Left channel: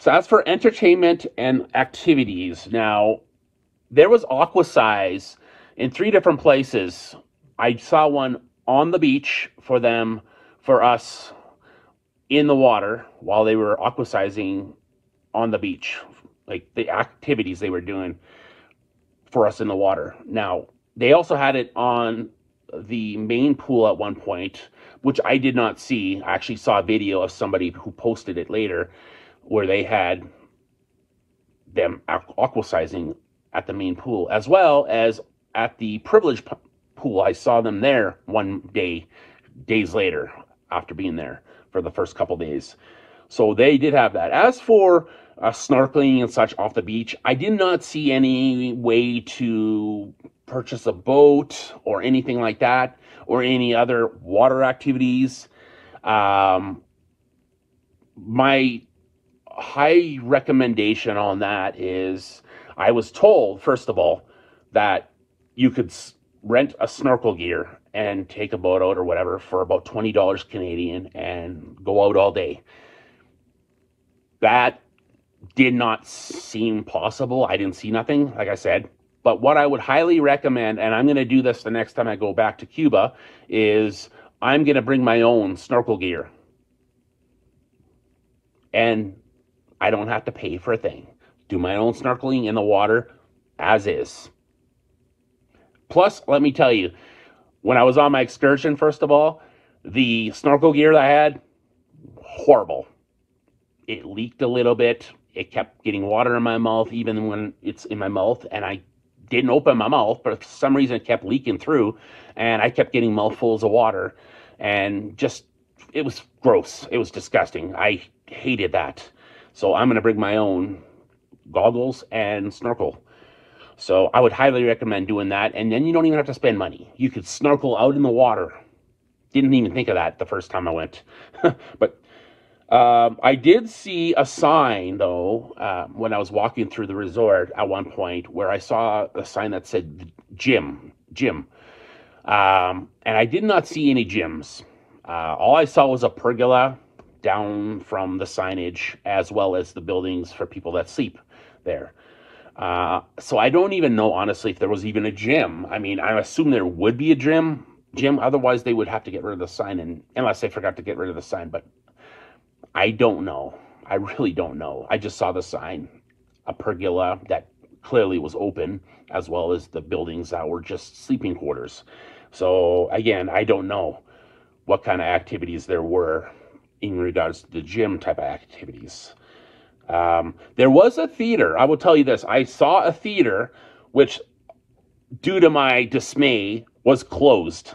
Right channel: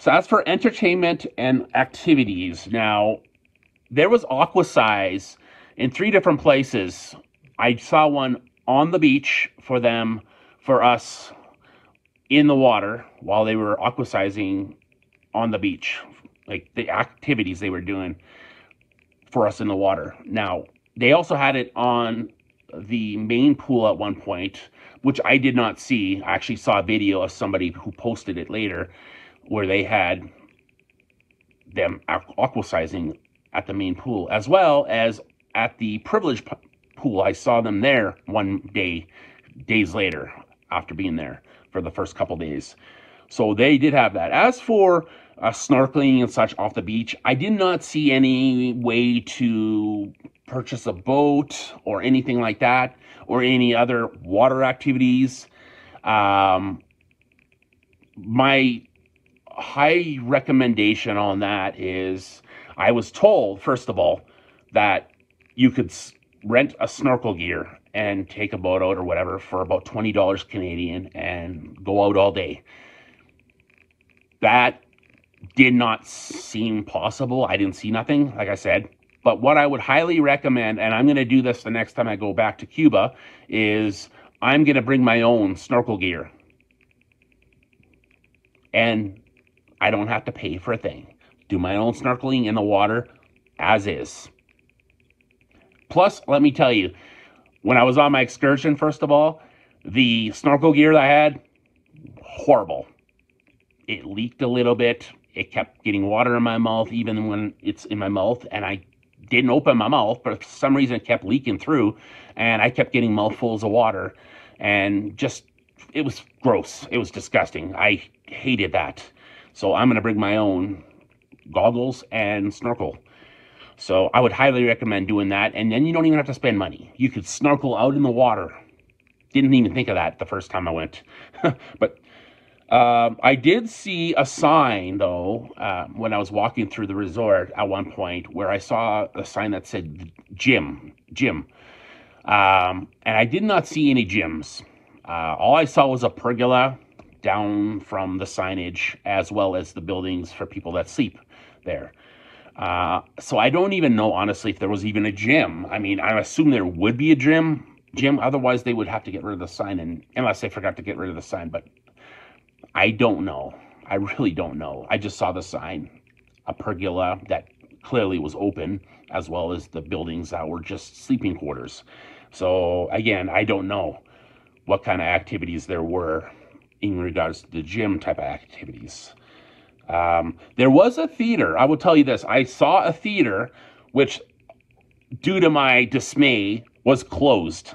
So as for entertainment and activities, now there was Aquasize in 3 different places. I saw one on the beach for us in the water while they were aquasizing on the beach, like the activities they were doing for us in the water. Now, they also had it on the main pool at one point, which I did not see. I actually saw a video of somebody who posted it later where they had them aquasizing at the main pool, as well as at the privilege pool. I saw them there days later, after being there for the first couple days. So they did have that. As for snorkeling and such off the beach, I did not see any way to purchase a boat or anything like that, or any other water activities. My high recommendation on that is, I was told, first of all, that you could rent a snorkel gear and take a boat out or whatever for about $20 Canadian and go out all day. That did not seem possible. I didn't see nothing, like I said. But what I would highly recommend, and I'm going to do this the next time I go back to Cuba, is I'm going to bring my own snorkel gear. And I don't have to pay for a thing. Do my own snorkeling in the water as is. Plus, let me tell you, when I was on my excursion, first of all, the snorkel gear that I had, horrible. It leaked a little bit. It kept getting water in my mouth, even when it's in my mouth, and I didn't open my mouth, but for some reason it kept leaking through, and I kept getting mouthfuls of water, and just, it was gross. It was disgusting. I hated that. So I'm going to bring my own goggles and snorkel. So I would highly recommend doing that, and then you don't even have to spend money. You could snorkel out in the water. Didn't even think of that the first time I went. But I did see a sign, though, when I was walking through the resort at one point, where I saw a sign that said gym. And I did not see any gyms. All I saw was a pergola down from the signage, as well as the buildings for people that sleep there. So I don't even know, honestly, if there was even a gym. I mean, I assume there would be a gym. Otherwise, they would have to get rid of the sign, and unless they forgot to get rid of the sign. But I don't know. I really don't know. I just saw the sign, a pergola that clearly was open, as well as the buildings that were just sleeping quarters. So again, I don't know what kind of activities there were in regards to the gym type of activities. There was a theater. I will tell you this. I saw a theater, which, due to my dismay, was closed.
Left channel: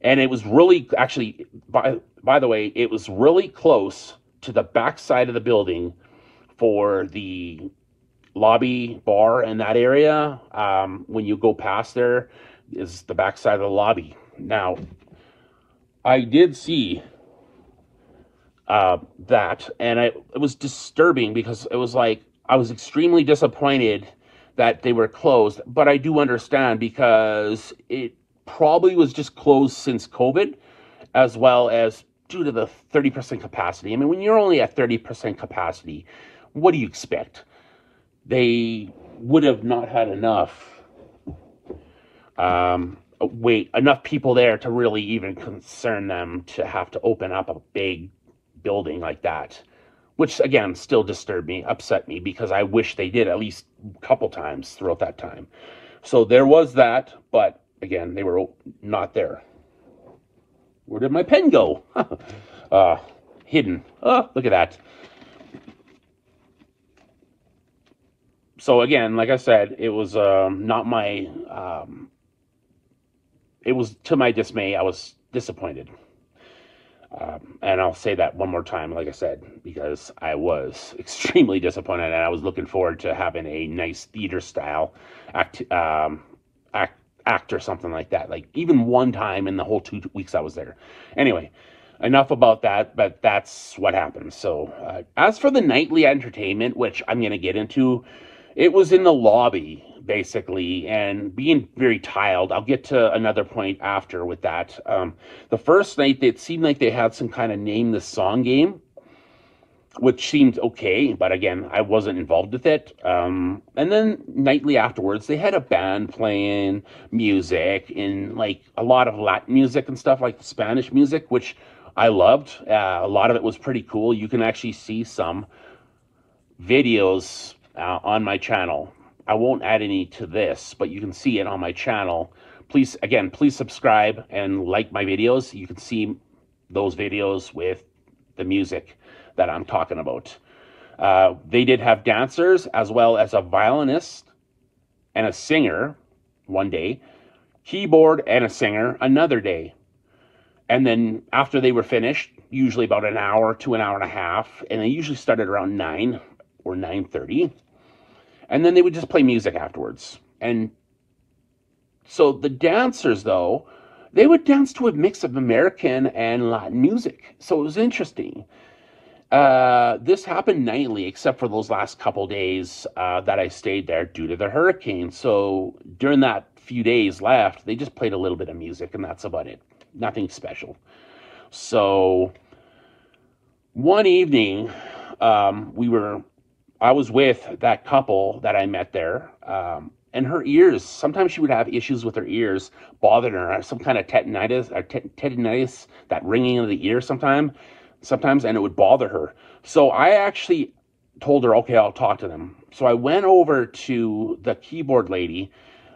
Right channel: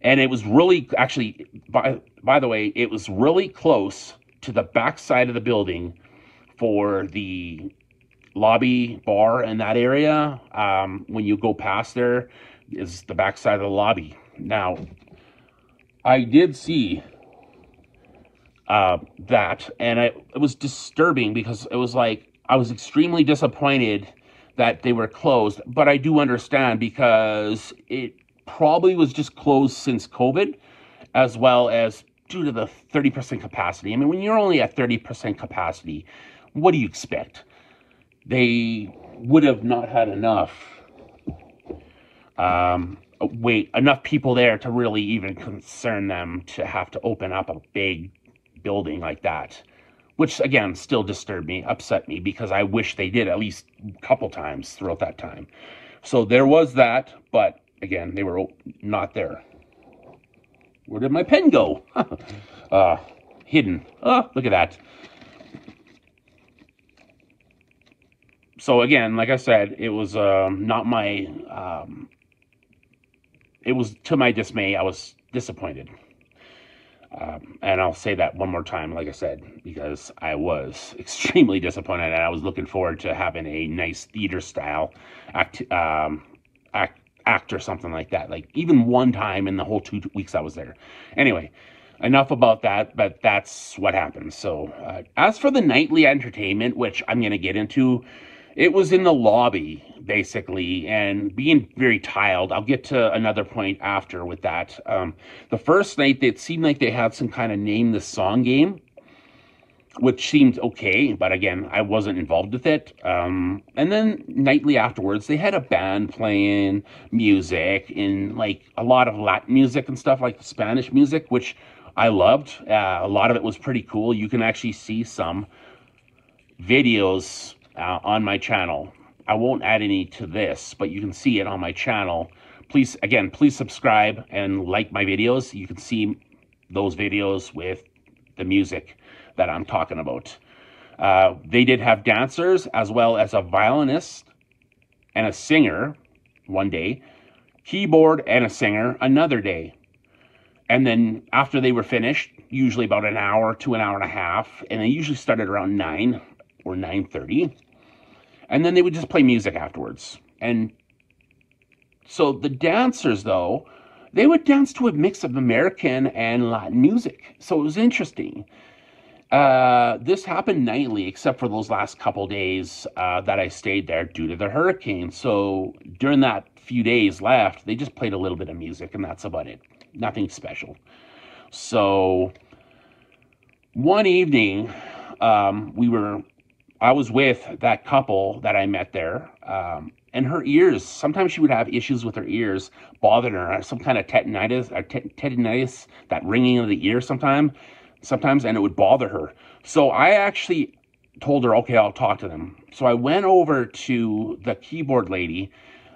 And it was really, actually, by the way, it was really close to the back side of the building for the lobby bar in that area. When you go past there is the back side of the lobby. Now, I did see that, and it was disturbing, because it was like, I was extremely disappointed that they were closed, but I do understand, because it probably was just closed since COVID, as well as due to the 30% capacity. I mean, when you're only at 30% capacity, what do you expect? They would have not had enough enough people there to really even concern them to have to open up a big building like that, which again still disturbed me, upset me, because I wish they did at least a couple times throughout that time. So there was that, but again, they were not there. Where did my pen go? Hidden. Oh, look at that. So again, like I said, it was not my, it was to my dismay. I was disappointed. And I'll say that one more time, like I said, because I was extremely disappointed, and I was looking forward to having a nice theater-style act or something like that. Like, even one time in the whole 2 weeks I was there. Anyway, enough about that, but that's what happened. So, as for the nightly entertainment, which I'm going to get into, it was in the lobby, basically, and being very tiled. I'll get to another point after with that. The first night, it seemed like they had some kind of name the song game. which seemed okay, but again, I wasn't involved with it. And then nightly afterwards, they had a band playing music in like a lot of Latin music and stuff, like Spanish music, which I loved. A lot of it was pretty cool. You can actually see some videos on my channel. I won't add any to this, but you can see it on my channel. Please, again, please subscribe and like my videos. You can see those videos with the music that I'm talking about. They did have dancers as well as a violinist and a singer one day, keyboard and a singer another day. And then after they were finished, usually about an hour to an hour and a half, and they usually started around 9 or 9:30, and then they would just play music afterwards. And so the dancers, though, they would dance to a mix of American and Latin music. So it was interesting. This happened nightly, except for those last couple days that I stayed there due to the hurricane. So during that few days left, they just played a little bit of music, and that's about it. Nothing special. So one evening, I was with that couple that I met there, and her ears, sometimes she would have issues with her ears bothering her, some kind of tetanitis, that ringing of the ear sometimes, and it would bother her. So I actually told her, okay, I'll talk to them. So I went over to the keyboard lady,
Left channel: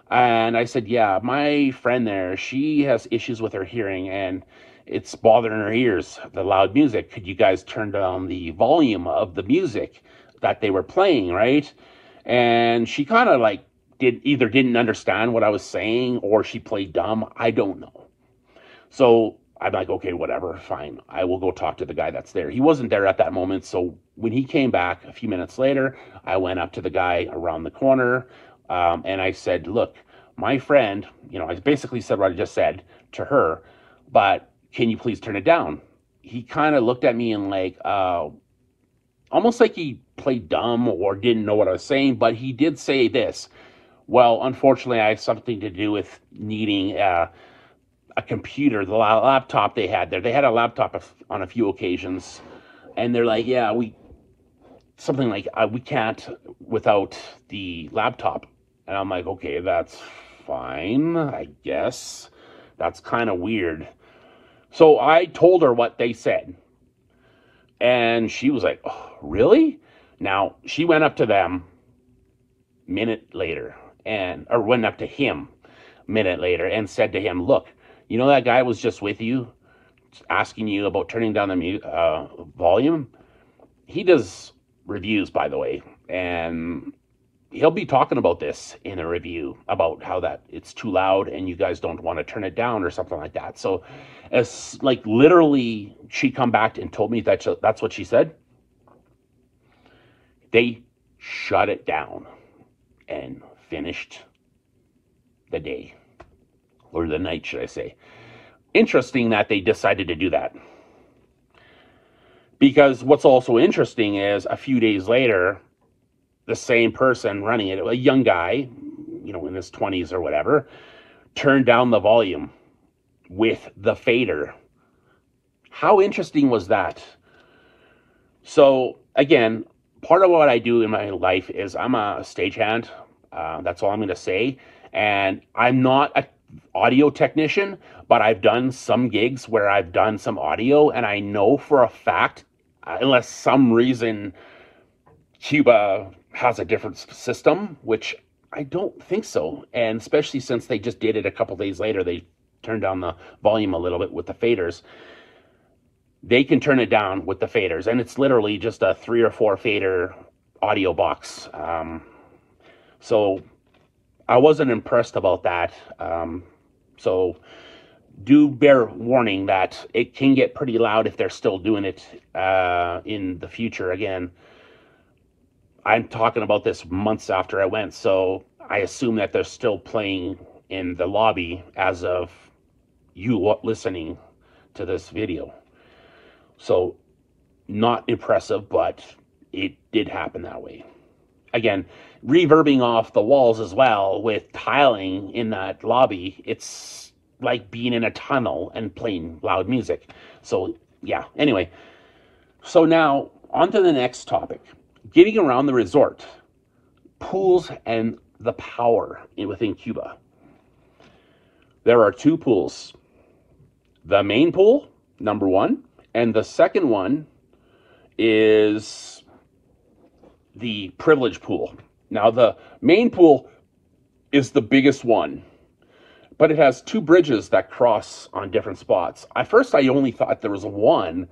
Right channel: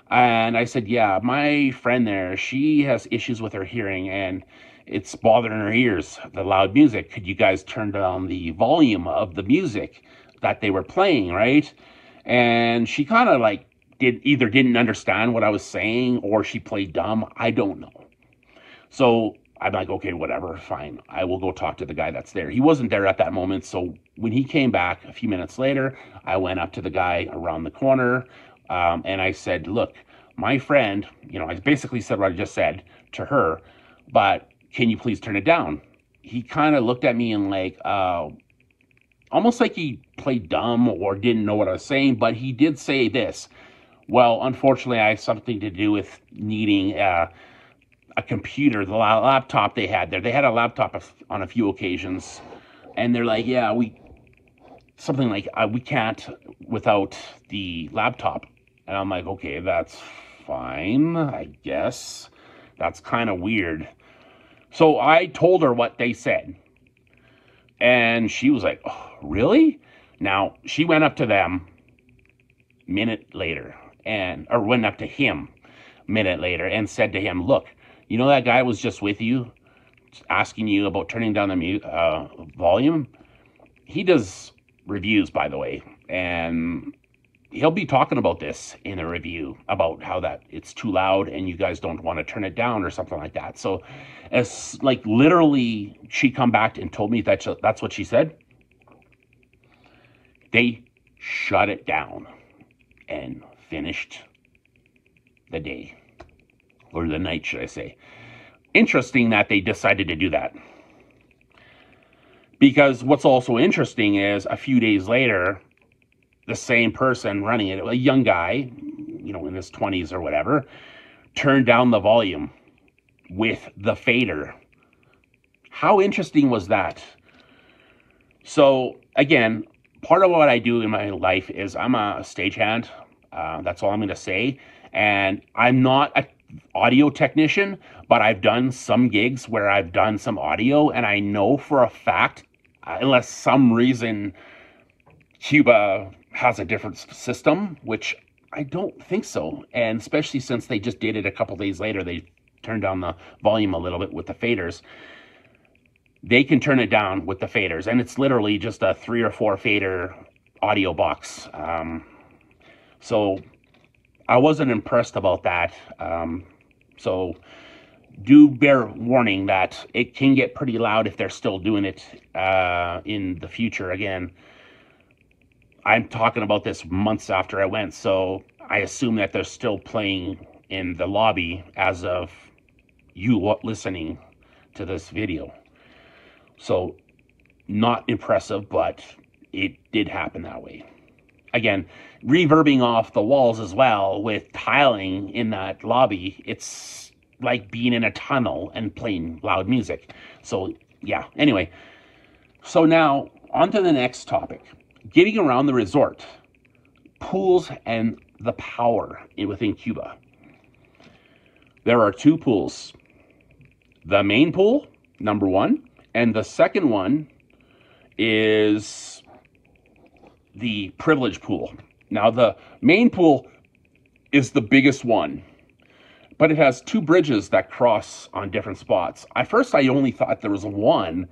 and I said, yeah, my friend there, she has issues with her hearing, and it's bothering her ears, the loud music. Could you guys turn down the volume of the music that they were playing, right? And she kind of like didn't understand what I was saying, or she played dumb. I don't know. So I'm like, okay, whatever, fine. I will go talk to the guy that's there. He wasn't there at that moment. So when he came back a few minutes later, I went up to the guy around the corner, and I said, look, my friend, I basically said what I just said to her, but can you please turn it down? He kind of looked at me and like, almost like he played dumb or didn't know what I was saying, but he did say this. Well, unfortunately, I have something to do with needing a computer, the laptop they had there. They had a laptop on a few occasions, and they're like, yeah, we can't without the laptop. And I'm like, okay, that's fine, I guess. That's kind of weird. So I told her what they said, and she was like, oh, really? Now, she went up to them minute later, or went up to him minute later and said to him, look, you know that guy was just with you asking you about turning down the volume? He does reviews, by the way, and he'll be talking about this in a review about how that it's too loud and you guys don't want to turn it down or something like that. So as like literally she come back and told me that's what she said. They shut it down and finished the day, or the night, should I say. Interesting that they decided to do that. Because what's also interesting is a few days later, the same person running it, a young guy, in his 20s or whatever, turned down the volume with the fader. How interesting was that? So again, part of what I do in my life is I'm a stagehand. That's all I'm going to say. And I'm not an audio technician, but I've done some gigs where I've done some audio, and I know for a fact, unless some reason Cuba has a different system, which I don't think so. And especially since they just did it a couple days later, they turned down the volume a little bit with the faders. They can turn it down with the faders, and it's literally just a 3 or 4 fader audio box. So I wasn't impressed about that. So do bear warning that it can get pretty loud if they're still doing it in the future. Again, I'm talking about this months after I went, so I assume that they're still playing in the lobby as of you listening to this video. So not impressive, but it did happen that way. Again, reverbing off the walls as well with tiling in that lobby, it's like being in a tunnel and playing loud music. So yeah, anyway. So now On to the next topic. Getting around the resort. Pools and the power within Cuba. There are 2 pools. The main pool, number 1, and the second one is the privilege pool. Now, the main pool is the biggest one, but it has 2 bridges that cross on different spots. At first, I only thought there was one,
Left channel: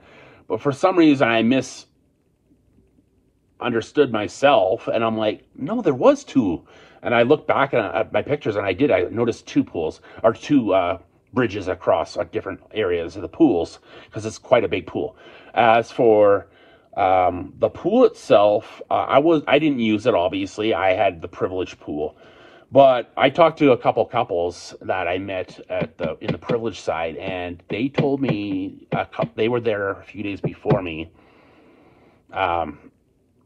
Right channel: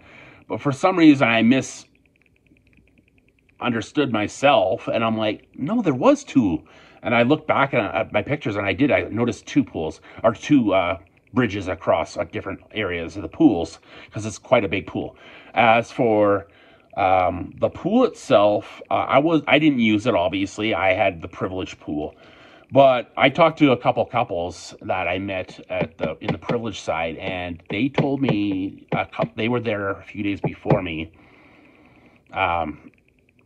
but for some reason, I misunderstood myself, and I'm like, no, there was 2. And I looked back at my pictures, and I noticed 2 pools, or 2 bridges across different areas of the pools, because it's quite a big pool. As for the pool itself, I didn't use it, obviously. I had the privileged pool. But I talked to a couple couples that I met in the privileged side, and they told me they were there a few days before me.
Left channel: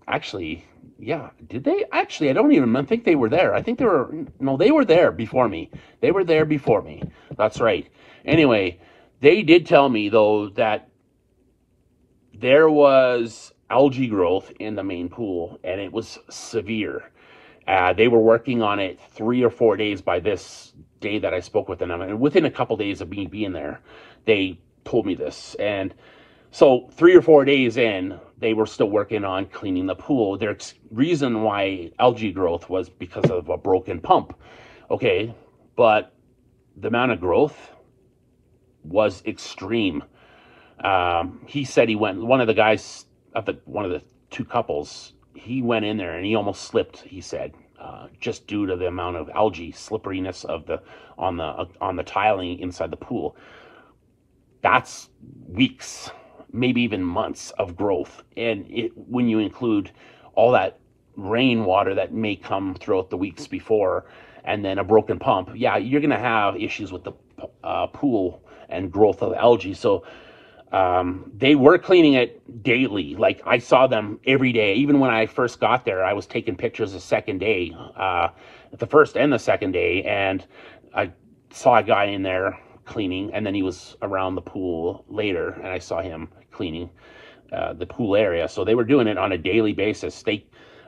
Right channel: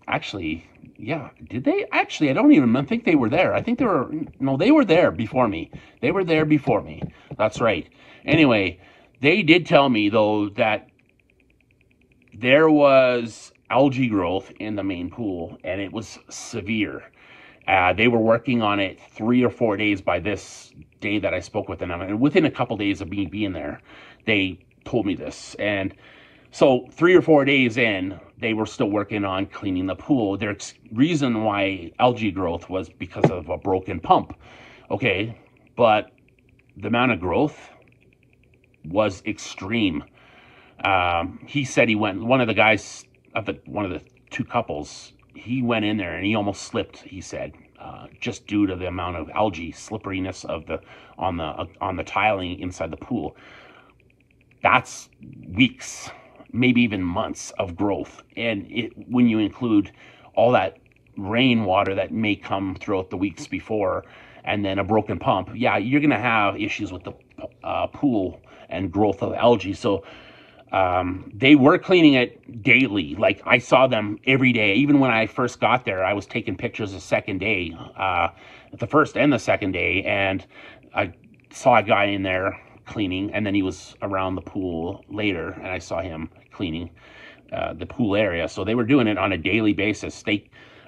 Actually, yeah, did they? Actually, I don't even think they were there. I think they were there before me. They were there before me. That's right. Anyway, they did tell me, though, that there was algae growth in the main pool, and it was severe. They were working on it 3 or 4 days by this day that I spoke with them. And within a couple days of me being there, they told me this. And so 3 or 4 days in, they were still working on cleaning the pool. Their reason why algae growth was because of a broken pump. Okay, but the amount of growth was extreme. He said one of the guys, one of the 2 couples, he went in there and he almost slipped, he said, just due to the amount of algae slipperiness on the tiling inside the pool. That's weeks, maybe even months of growth. And when you include all that rainwater that may come throughout the weeks before, and then a broken pump, yeah, you're going to have issues with the pool and growth of algae. So they were cleaning it daily. Like, I saw them every day. Even when I first got there, I was taking pictures the second day, the first and the second day, and I saw a guy in there cleaning, and then he was around the pool later, and I saw him cleaning the pool area. So they were doing it on a daily basis.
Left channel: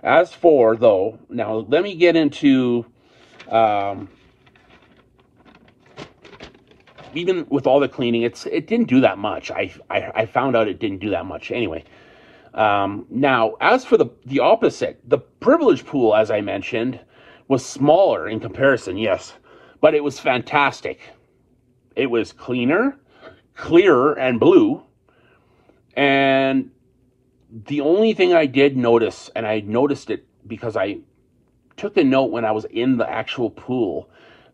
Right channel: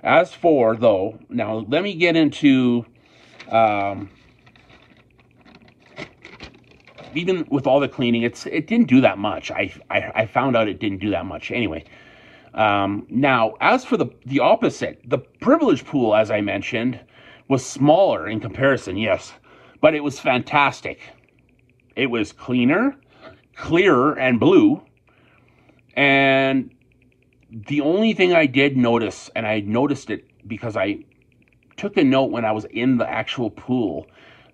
As for, though, now let me get into even with all the cleaning, it didn't do that much. I found out it didn't do that much anyway. Now, as for the opposite, the privilege pool, as I mentioned, was smaller in comparison, yes, but it was fantastic. It was cleaner, clearer, and blue. And the only thing I did notice, and I noticed it because I took a note when I was in the actual pool,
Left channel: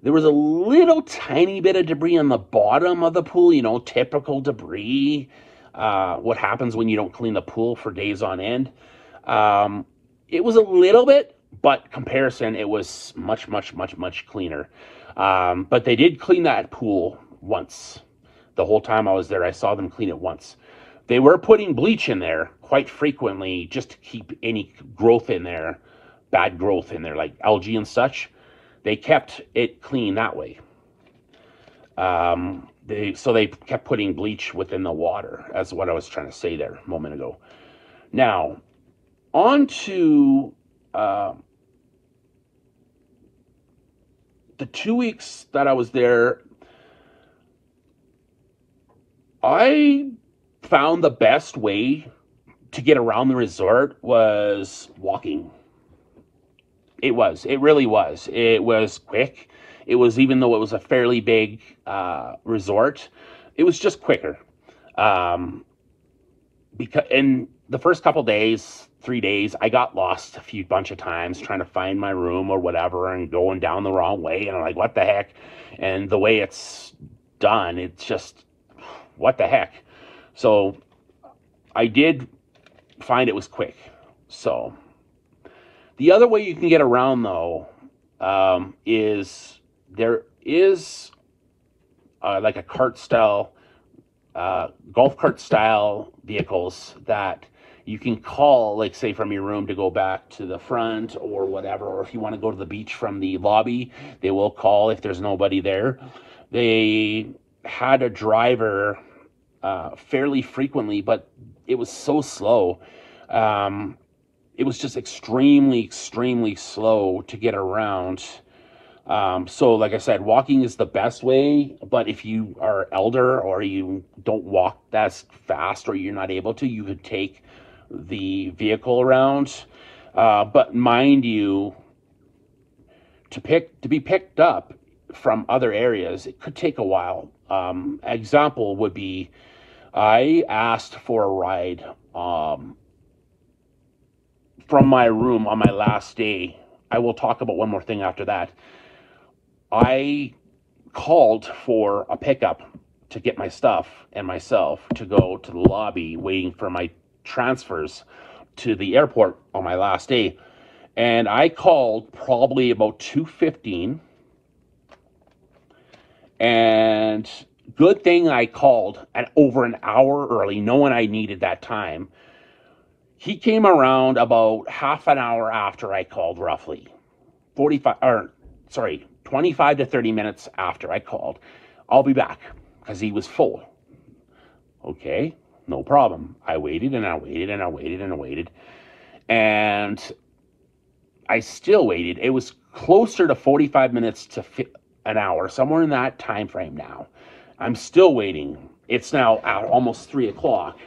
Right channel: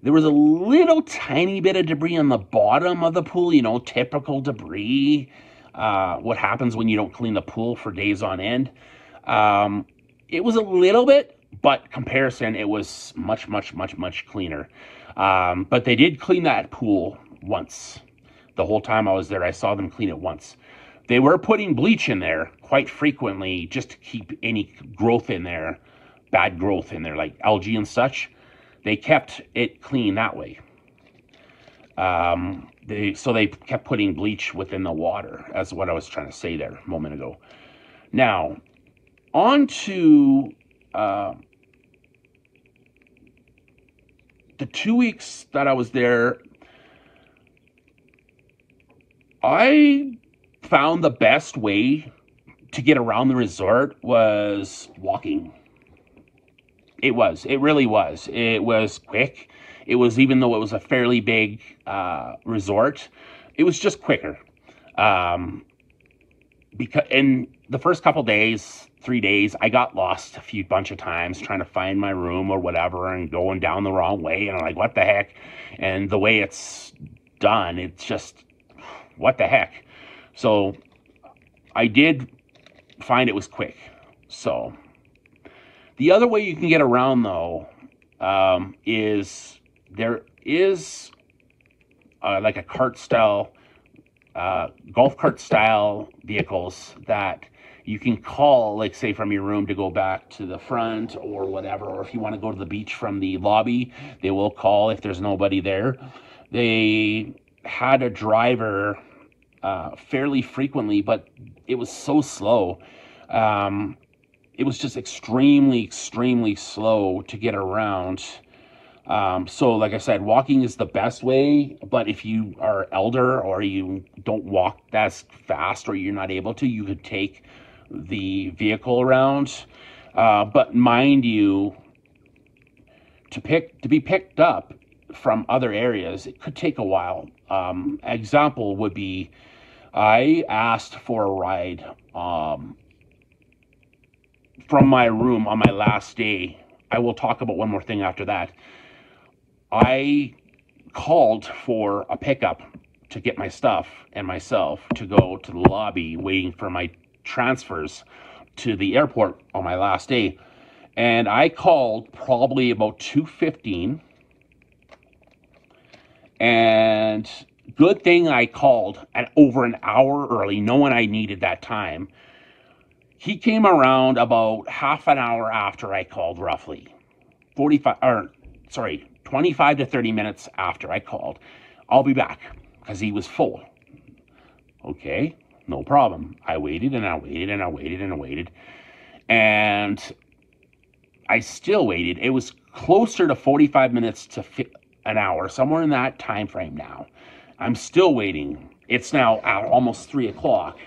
there was a little tiny bit of debris on the bottom of the pool, typical debris. What happens when you don't clean the pool for days on end. It was a little bit, but comparison, it was much, much, much, much cleaner. But they did clean that pool once. The whole time I was there, I saw them clean it once. They were putting bleach in there quite frequently just to keep any growth in there, bad growth in there, like algae and such. They kept it clean that way. So they kept putting bleach within the water, as what I was trying to say there a moment ago. Now, on to the 2 weeks that I was there, I found the best way to get around the resort was walking. It really was. It was quick. It was, even though it was a fairly big resort, it was just quicker. Because in the first couple days, 3 days, I got lost a bunch of times trying to find my room or whatever, and going down the wrong way, and I'm like, what the heck? And the way it's done, it's just, what the heck? So I did find it was quick. So the other way you can get around, though, is there is like a cart style, golf cart style vehicles that you can call, like, say, from your room to go back to the front or whatever. Or if you want to go to the beach from the lobby, they will call if there's nobody there. They had a driver fairly frequently, but it was so slow. It was just extremely slow to get around. So like I said, walking is the best way, but if you are elder or you don't walk that fast or you're not able to, you could take the vehicle around. But mind you, to be picked up from other areas, it could take a while. Example would be, I asked for a ride from my room on my last day. I will talk about one more thing after that. I called for a pickup to get my stuff and myself to go to the lobby waiting for my transfers to the airport on my last day. And I called probably about 2:15. And good thing I called at over an hour early, knowing I needed that time. He came around about half an hour after I called, roughly 25 to 30 minutes after I called. I'll be back, because he was full. Okay, no problem. I waited and I waited and I waited and I waited. And I still waited. It was closer to 45 minutes to an hour, somewhere in that time frame now. I'm still waiting. It's now almost 3 o'clock.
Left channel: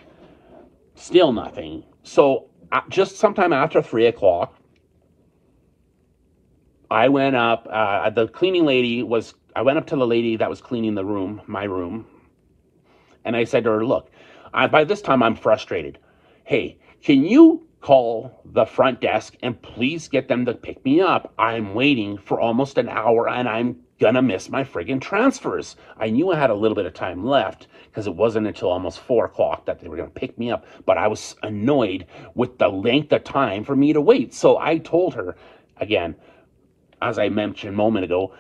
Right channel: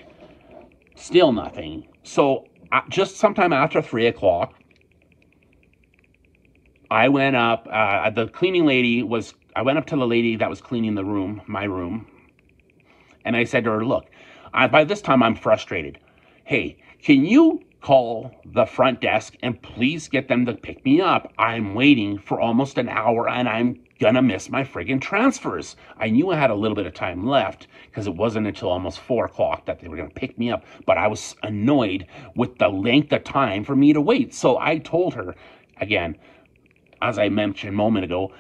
Still nothing. So just sometime after 3 o'clock, I went up. The cleaning lady was, I went up to the lady that was cleaning the room, my room, and I said to her, look, by this time I'm frustrated. Hey, can you call the front desk and please get them to pick me up? I'm waiting for almost an hour and I'm gonna miss my friggin' transfers. I knew I had a little bit of time left because it wasn't until almost 4 o'clock that they were gonna pick me up, but I was annoyed with the length of time for me to wait. So I told her, again, as I mentioned a moment ago,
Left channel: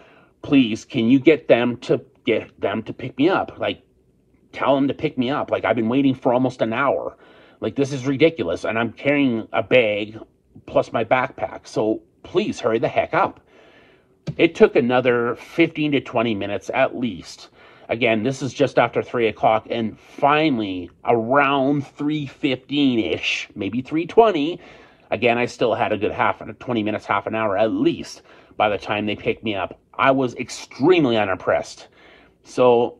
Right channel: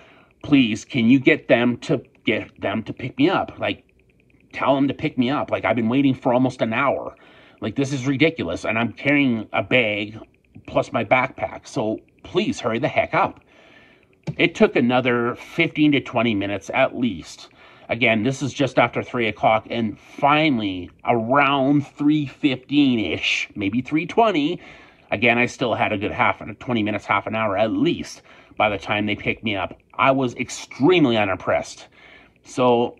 please, can you get them to pick me up? Like, tell them to pick me up. Like, I've been waiting for almost an hour. Like, this is ridiculous. And I'm carrying a bag plus my backpack. So please hurry the heck up. It took another 15 to 20 minutes at least. Again, this is just after 3 o'clock. And finally, around 3:15-ish, maybe 3:20, again, I still had a good 20 minutes, half an hour at least by the time they picked me up. I was extremely unimpressed. So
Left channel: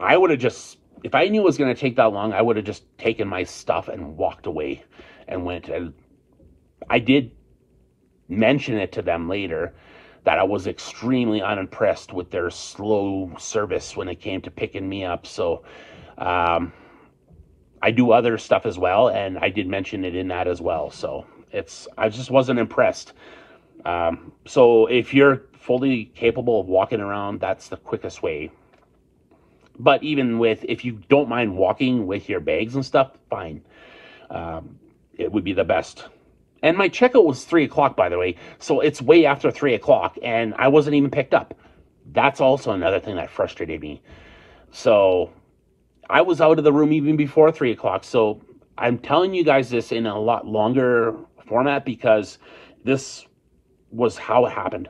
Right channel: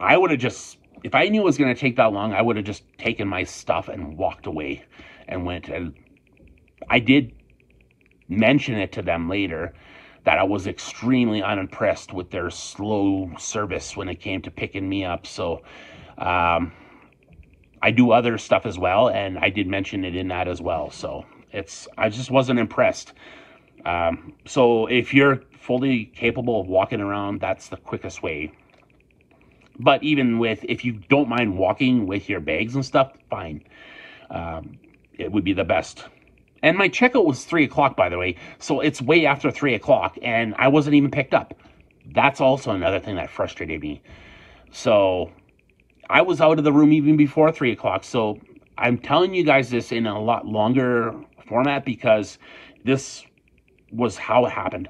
I would have just, if I knew it was going to take that long, I would have just taken my stuff and walked away and went. And I did mention it to them later that I was extremely unimpressed with their slow service when it came to picking me up. So I do other stuff as well, and I did mention it in that as well. So I just wasn't impressed. So if you're fully capable of walking around, that's the quickest way. But even if you don't mind walking with your bags and stuff, fine. It would be the best. And my checkout was 3 o'clock, by the way. So it's way after 3 o'clock, and I wasn't even picked up. That's also another thing that frustrated me. So I was out of the room even before 3 o'clock. So I'm telling you guys this in a lot longer format because this was how it happened.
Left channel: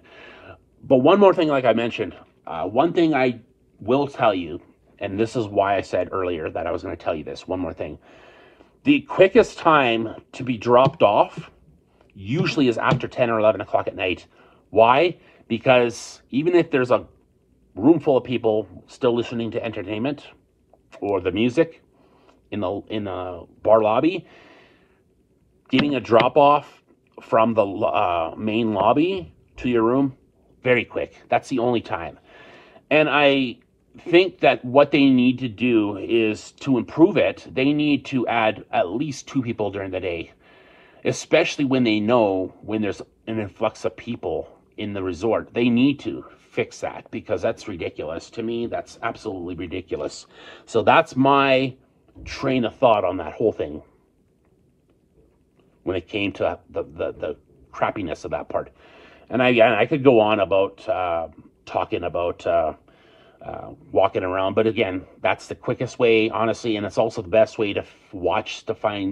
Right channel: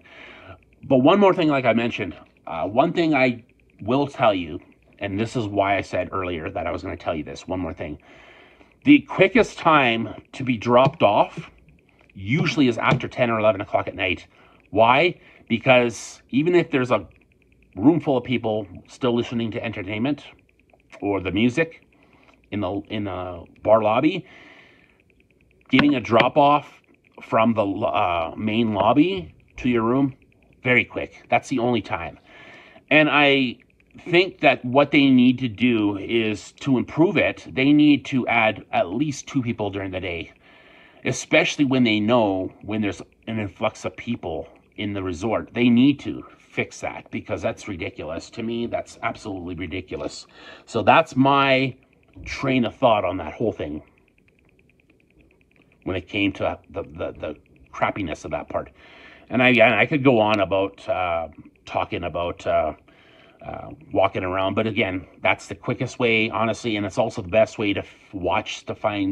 But one more thing, like I mentioned, one thing I will tell you, and this is why I said earlier that I was going to tell you this, one more thing. The quickest time to be dropped off usually is after 10 or 11 o'clock at night. Why? Because even if there's a room full of people still listening to entertainment or the music in the bar lobby, getting a drop off from the main lobby to your room, very quick. That's the only time. And I think that what they need to do is, to improve it, they need to add at least 2 people during the day, especially when they know when there's an influx of people in the resort. They need to fix that because that's ridiculous. To me, that's absolutely ridiculous. So that's my train of thought on that whole thing when it came to the crappiness of that part. And I could go on about talking about walking around, but again, that's the quickest way, honestly, and it's also the best way to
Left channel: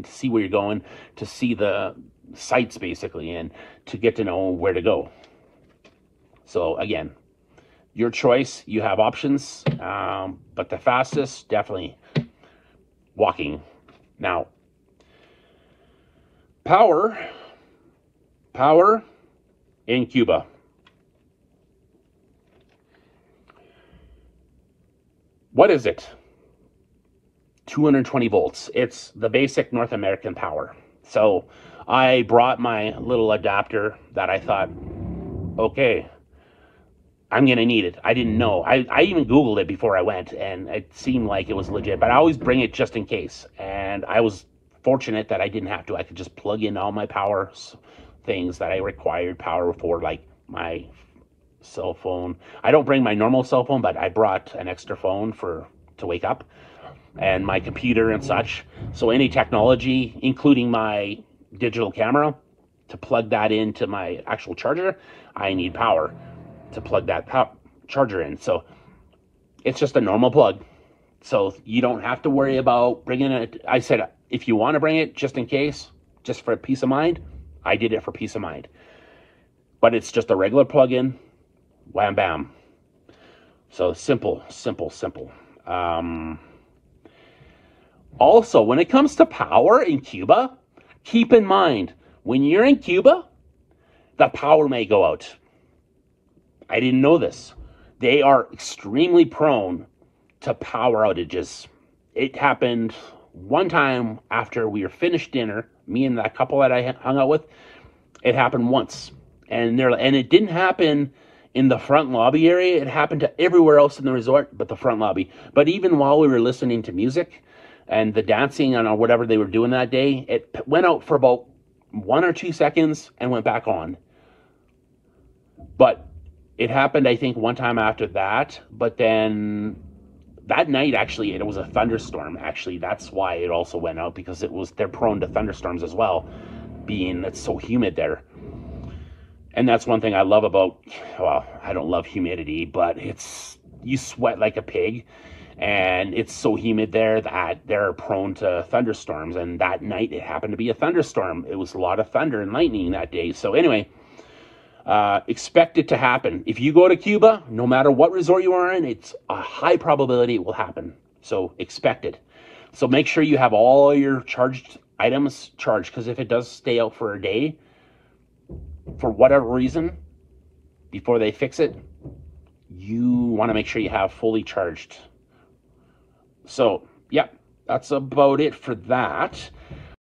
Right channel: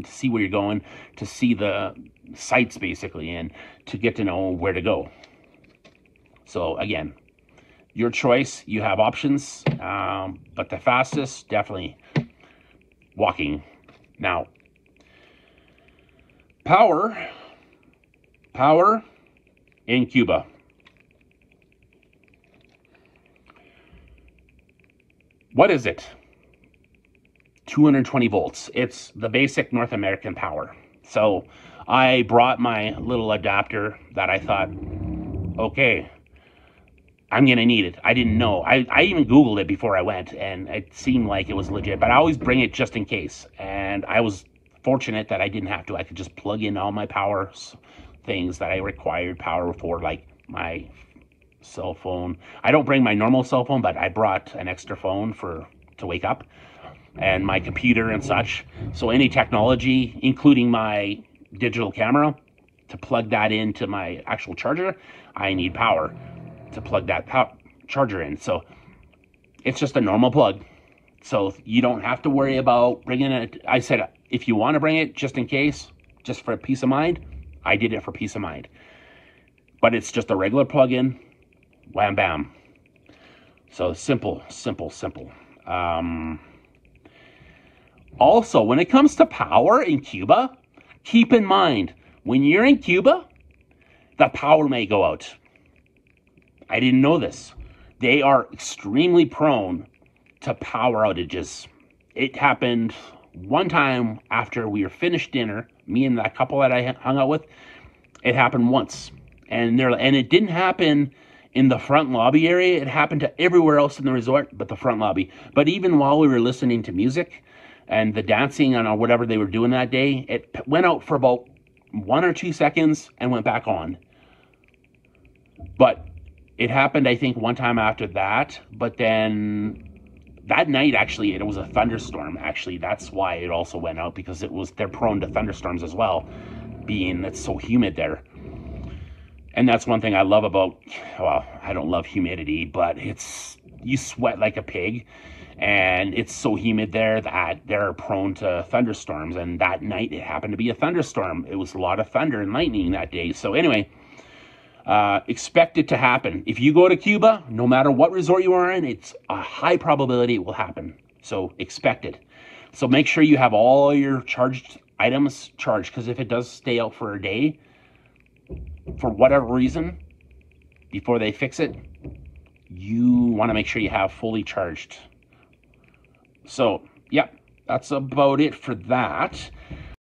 see where you're going, to see the sights basically, and to get to know where to go. So again, your choice. You have options, but the fastest, definitely walking. Now, Power in Cuba. What is it? 220 volts. It's the basic North American power. So I brought my little adapter that I thought, okay, I'm going to need it. I didn't know. I even Googled it before I went, and it seemed like it was legit. But I always bring it just in case. And I was fortunate that I didn't have to. I could just plug in all my power things that I required power for, like my cell phone. I don't bring my normal cell phone, but I brought an extra phone to wake up, and my computer and such. So any technology, including my digital camera, to plug that into my actual charger, I need power to plug that charger in. So it's just a normal plug. So you don't have to worry about bringing it. I said, if you want to bring it just in case, just for peace of mind, I did it for peace of mind. But it's just a regular plug-in, wham bam. So simple. Also, when it comes to power in Cuba, keep in mind, when you're in Cuba, the power may go out. I didn't know this. They are extremely prone to power outages. It happened one time after we were finished dinner, me and that couple that I hung out with. It happened once. And it didn't happen in the front lobby area. It happened to everywhere else in the resort but the front lobby. But even while we were listening to music and the dancing and whatever they were doing that day, it went out for about 1 or 2 seconds and went back on. But it happened, I think, one time after that. But then that night, actually, it was a thunderstorm. Actually, that's why it also went out, because they're prone to thunderstorms as well, being it's so humid there. And that's one thing I love about, well, I don't love humidity, but you sweat like a pig, and it's so humid there that they're prone to thunderstorms. And that night, it happened to be a thunderstorm. It was a lot of thunder and lightning that day. So anyway, expect it to happen. If you go to Cuba, no matter what resort you are in, it's a high probability it will happen. So expect it. So make sure you have all your charged items charged, because if it does stay out for a day, for whatever reason, before they fix it, you want to make sure you have fully charged. So, yeah, that's about it for that.